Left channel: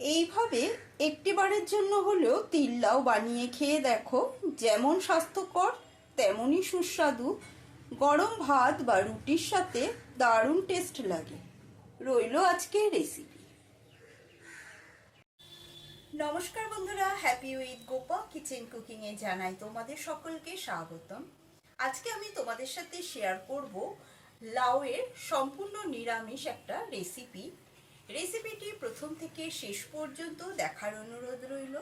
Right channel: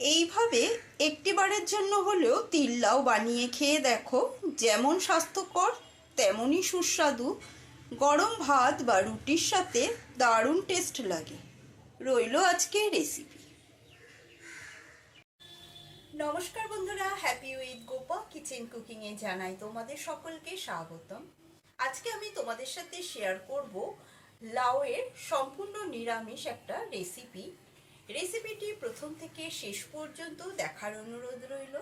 এইভাবে একটিবারের জন্য হলেও তিল লাউ বানিয়ে খেয়ে দেখো। যেমন স্বাস্থ্যকর তেমনই সুস্বাদু। গরম ভাত বা রুটির সাথে দারুণ টেস্ট লাগে। রইল আজকে রেসিপি নমস্কার বন্ধুরা হ্যাপি উইথ গোপা কিচেন কুকিংয়ে জানাই তোমাদের সকলকে স্বাগতম। আজকে আমি তোমাদের সাথে শেয়ার করব লাউয়ের সম্পূর্ণ নিরামিষ একটা রেসিপি রেসিপিটি প্রথম থেকে শেষ পর্যন্ত দেখার অনুরোধ রইল।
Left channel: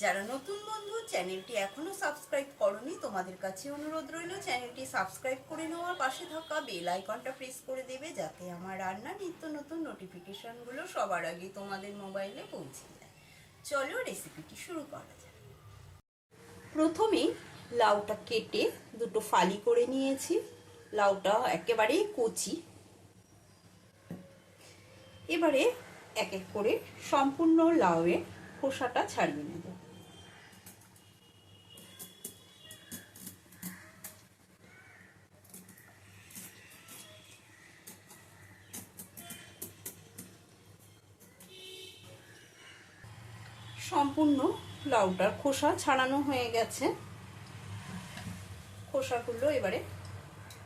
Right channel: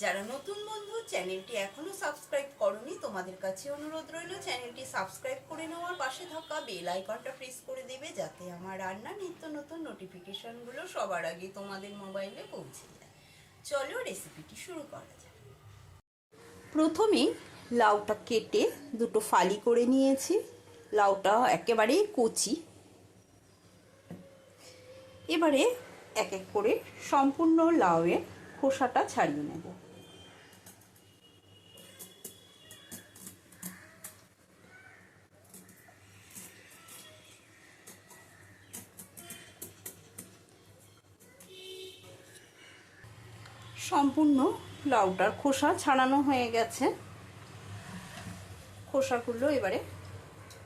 যারা নতুন বন্ধু, চ্যানেলটি এখনও সাবস্ক্রাইব করনি, তোমাদের কাছে অনুরোধ রইল চ্যানেলটি সাবস্ক্রাইব করে নেওয়ার পাশে থাকা বেল আইকনটা প্রেস করে দেবে যাতে আমার রান্নার নিত্য নতুন নোটিফিকেশনগুলো সবার আগে তোমাদের মোবাইলে পৌঁছে যায়। চলো রেসিপিটি শুরু করা যাক। প্রথমেই লাউটা কেটে দুটো ফালি করে নিয়েছি। লাউটা একেবারেই কচি। এবারে এক এক করে সম্পূর্ণ লাউয়ের খোসাটা ছাড়িয়ে নেব। সম্পূর্ণ লাউটার খোসা ছাড়ানো হয়ে গেছে। খোসাগুলো এবারে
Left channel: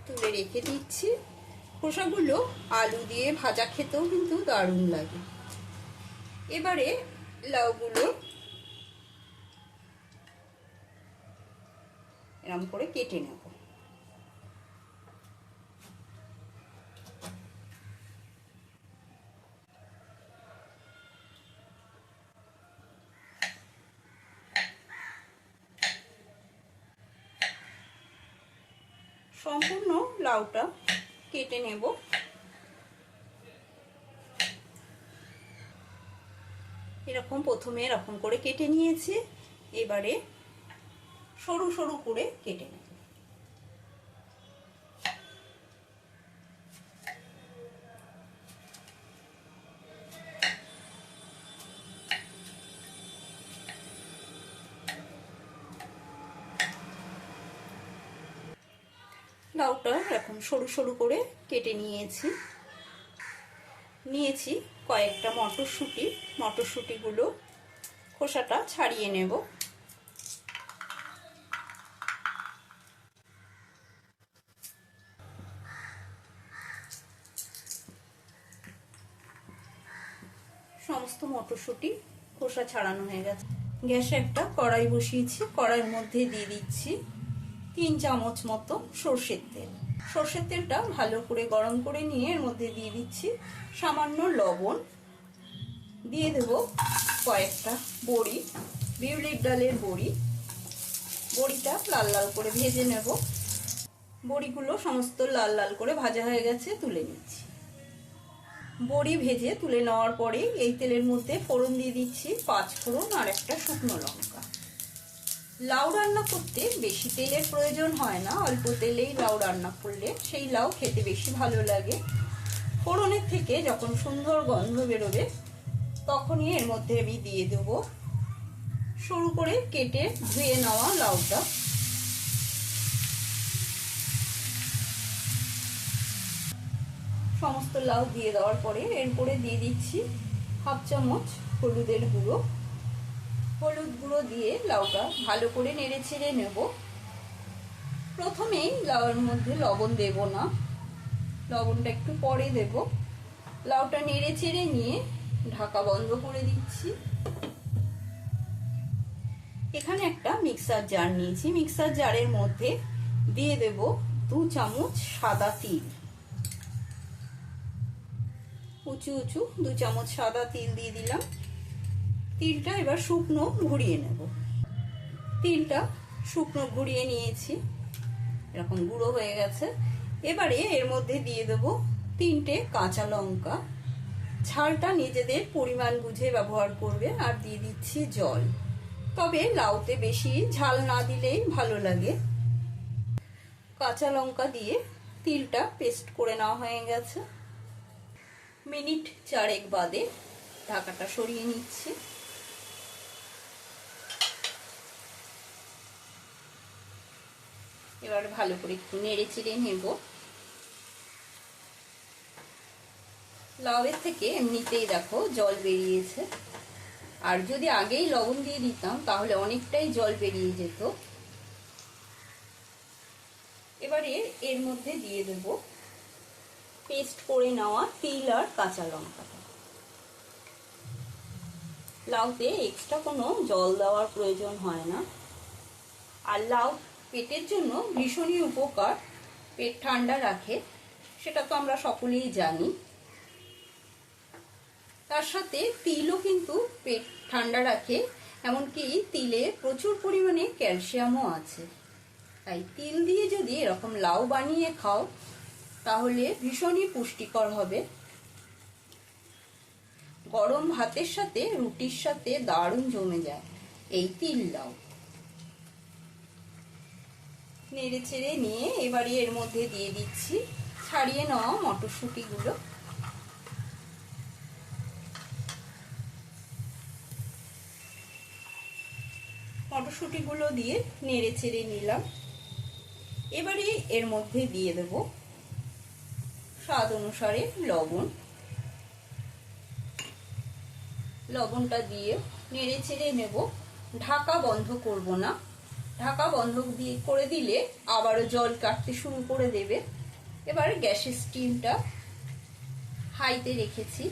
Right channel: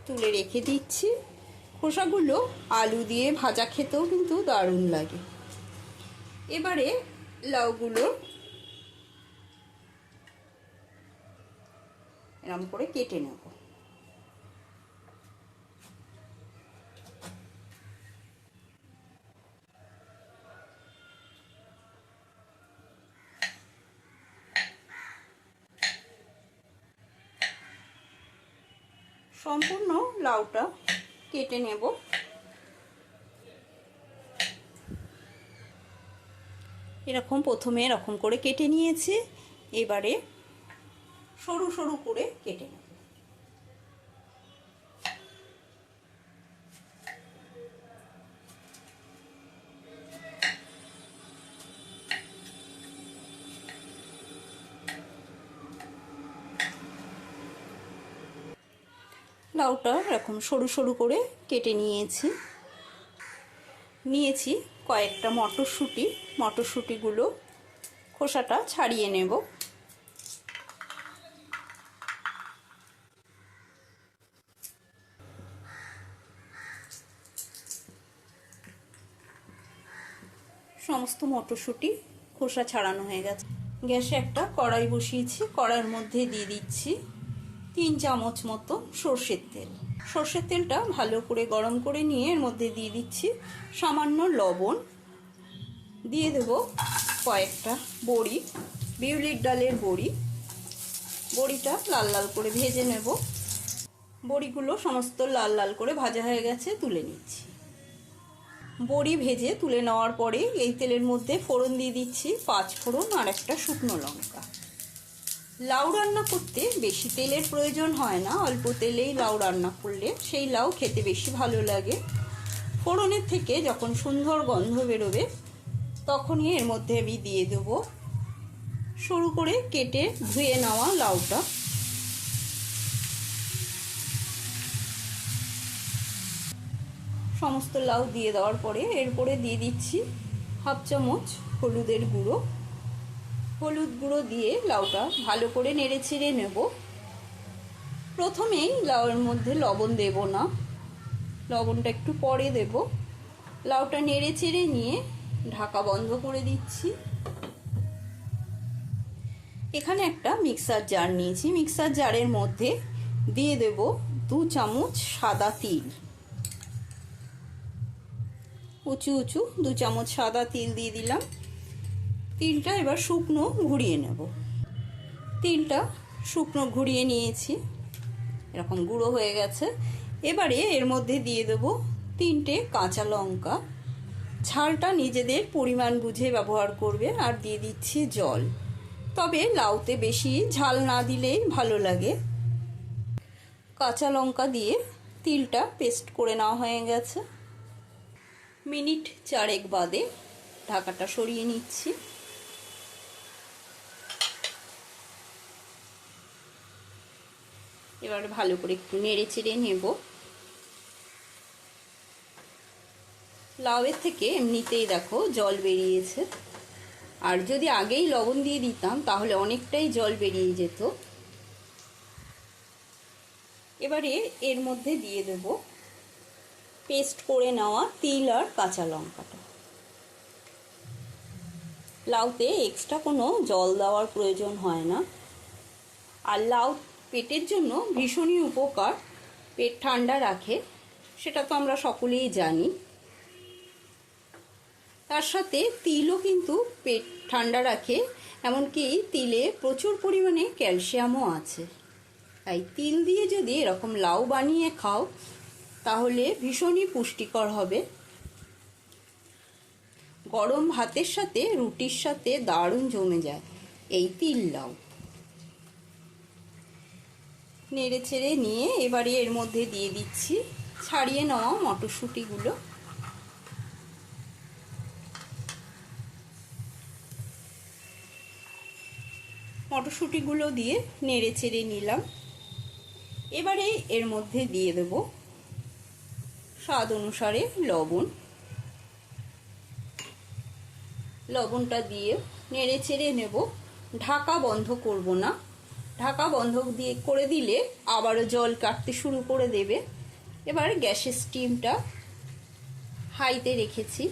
তুলে রেখে দিচ্ছি। খোসাগুলো আলু দিয়ে ভাজা খেতেও কিন্তু দারুণ লাগে। এবারে লাউগুলো এরম করে কেটে নেব। সম্পূর্ণ লাউটা কেটে নেব। এরকম প্রথমে এরকম করে কেটে নিয়েছি, এবারে সরু সরু করে কেটে নেব। লাউটা এরকম সরু সরু করে কেটে নিয়েছি। নিয়েছি। কয়েকটা মটরশুঁটি, মটরশুঁটিগুলো খোসাটা ছাড়িয়ে নেব। সমস্ত মটরশুঁটি খোসা ছাড়ানো হয়ে গেছে। গ্যাসে একটা কড়াই বসিয়েছি, কড়াইয়ের মধ্যে দিয়ে দিচ্ছি তিন চামচ মতো সর্ষের তেল। সর্ষের তেলটা ভালো করে গরম করে নিয়ে এর মধ্যে দিয়ে দিচ্ছি সামান্য লবণ। দিয়ে দেব কয়েকটা বড়ি, বিউলির ডালের বড়ি। বড়িটা লাল লাল করে ভেজে নেব। বড়িগুলো সমস্ত লাল লাল করে ভাজা হয়ে গেছে, তুলে নিচ্ছি। বড়ি ভেজে তুলে নেওয়ার পরে এই তেলের মধ্যে ফোড়ন দিয়ে দিচ্ছি, পাঁচ ফোড়ন আর একটা শুকনো লঙ্কা। লাউ রান্না করতে বেশি তেলের প্রয়োজন হয় না, অল্প তেলেই লাউ রান্না করলে সেই লাউ খেতে বেশি ভালো লাগে। ফোড়নের থেকে যখন সুন্দর গন্ধ বেরোবে, তখনই এর মধ্যে আমি দিয়ে দেব। সরু করে কেটে ধুয়ে নেওয়া লাউটা। সমস্ত লাউ দিয়ে দেওয়ার পরে এরপরে দিয়ে দিচ্ছি হাফ চামচ হলুদের গুঁড়ো। হলুদ গুঁড়ো দিয়ে লাউটা ভালো করে নেড়ে ছেড়ে নেব। প্রথমেই লাউয়ের মধ্যে লবণ দেব না। লবণটা একটু পরে দেব। লাউটা নেড়ে চেড়ে নিয়ে ঢাকা বন্ধ করে দিচ্ছি। এখানে একটা মিক্সার জার নিয়েছি। মিক্সার জারের মধ্যে দিয়ে দেব দু চামচ সাদা তিল। উঁচু উঁচু, দু চামচ সাদা তিল দিয়ে দিলাম। তিলটা এবার শুকনো ঘুরিয়ে নেব। তিলটা শুকনো ঘুরিয়ে নিয়েছি। এরকম গুঁড়ো হয়ে গেছে। এবারে এর মধ্যে দিয়ে দেবো তিনটে কাঁচা লঙ্কা। ঝালটা নিজেদের পরিমাণ বুঝে ব্যবহার করবে আর দিয়ে দিচ্ছি জল। তবে লাউতে বেশি ঝাল না দিলেই ভালো লাগে। কাঁচা লঙ্কা দিয়ে তিলটা পেস্ট করে নেওয়া হয়ে গেছে। মিনিট চারেক বাদে ঢাকাটা সরিয়ে নিচ্ছি। এবার ভালো করে একটু নেড়ে চেড়ে নেব। লাউয়ের থেকে এমনিতেই দেখো জল বেরিয়েছে। আর যদি আগেই লবণ দিয়ে দিতাম, তাহলে অনেকটাই জল বেরিয়ে যেত। এবারে এর মধ্যে দিয়ে দেব পেস্ট করে নেওয়া তিল আর কাঁচা লঙ্কাটা। লাউতে এক্সট্রা কোনো জল দেওয়ার প্রয়োজন হয় না। আর লাউ পেটের জন্য ভীষণই উপকার। পেট ঠান্ডা রাখে, সেটা তো আমরা সকলেই জানি। তার সাথে তিলও কিন্তু পেট ঠান্ডা রাখে, এমনকি তিলে প্রচুর পরিমাণে ক্যালসিয়ামও আছে। তাই তিল দিয়ে যদি এরকম লাউ বানিয়ে খাও, তাহলে ভীষণই পুষ্টিকর হবে। গরম ভাতের সাথে, রুটির সাথে দারুণ জমে যায় এই তিল লাউ। নেড়ে ছেড়ে নিয়ে এবারে এর মধ্যে দিয়ে দিচ্ছি। ছাড়িয়ে নেওয়া মটরশুঁটিগুলো। মটরশুঁটিগুলো দিয়ে নেড়ে চেড়ে নিলাম। এবারে এর মধ্যে দিয়ে দেব স্বাদ অনুসারে লবণ। লবণটা দিয়ে নেড়ে চেড়ে নেব। ঢাকা বন্ধ করব না। ঢাকা বন্ধ দিয়ে করে দিলে আবারও জল কাটতে শুরু করে দেবে। এবার গ্যাসের স্টিমটা হাইতে রেখেছি।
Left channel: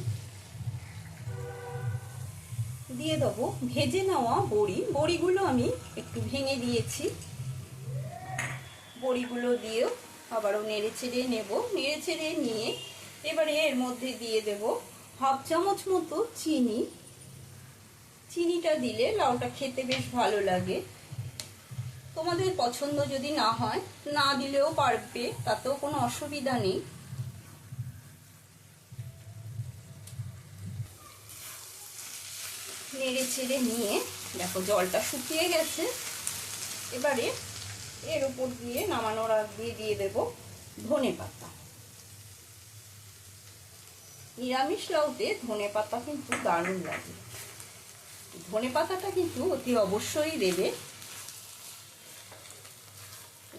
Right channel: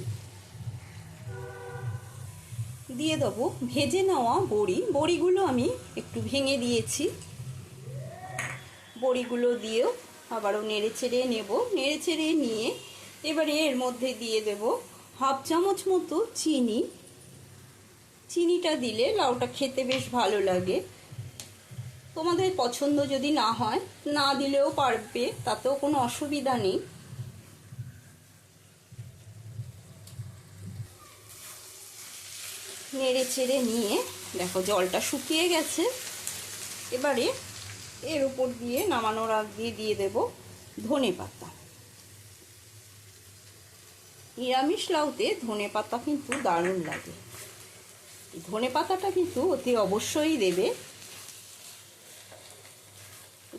দিয়ে দেবো ভেজে নেওয়া বড়ি। বড়িগুলো আমি একটু ভেঙে দিয়েছি। বড়িগুলো দিয়েও আবারও নেড়ে ছেড়ে নেব। নেড়ে ছেড়ে নিয়ে এবারে এর মধ্যে দিয়ে দেব হাফ চামচ মতো চিনি। চিনিটা দিলে লাউটা খেতে বেশ ভালো লাগে। তোমাদের পছন্দ যদি না হয়, না দিলেও পারবে, তাতেও কোনো অসুবিধা নেই। নেড়ে ছেড়ে নিয়ে, দেখো জলটা শুকিয়ে গেছে। এবারে এর উপর দিয়ে নামানোর আগ দিয়ে দিয়ে দেব ধনে পাতা। নিরামিষ লাউতে ধনে পাতা কিন্তু দারুণ লাগে। ধনে পাতাটা কিন্তু অতি অবশ্যই দেবে।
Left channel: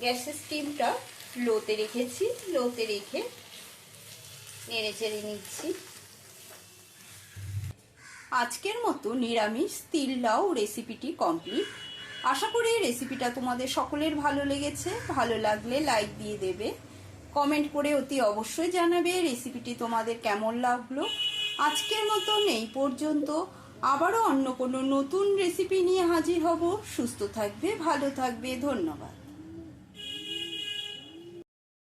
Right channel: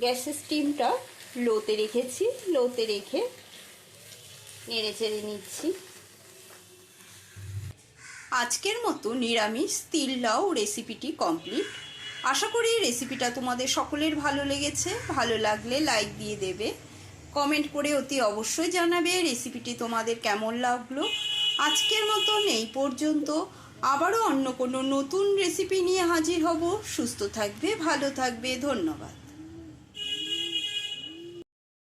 গ্যাসের স্টিমটা লোতে রেখেছি, লোতে রেখে নেড়ে চেড়ে নিচ্ছি। আজকের মতো নিরামিষ তিল লাউ রেসিপিটি কমপ্লিট আশা করি রেসিপিটা তোমাদের সকলের ভালো লেগেছে। ভালো লাগলে লাইক দিয়ে দেবে। কমেন্ট করে অতি অবশ্যই জানাবে রেসিপিটি তোমাদের কেমন লাগল। আজকের মতো নেই পর্যন্ত। আবারও অন্য কোনো নতুন রেসিপি নিয়ে হাজির হব। সুস্থ থাকবে, ভালো থাকবে। ধন্যবাদ।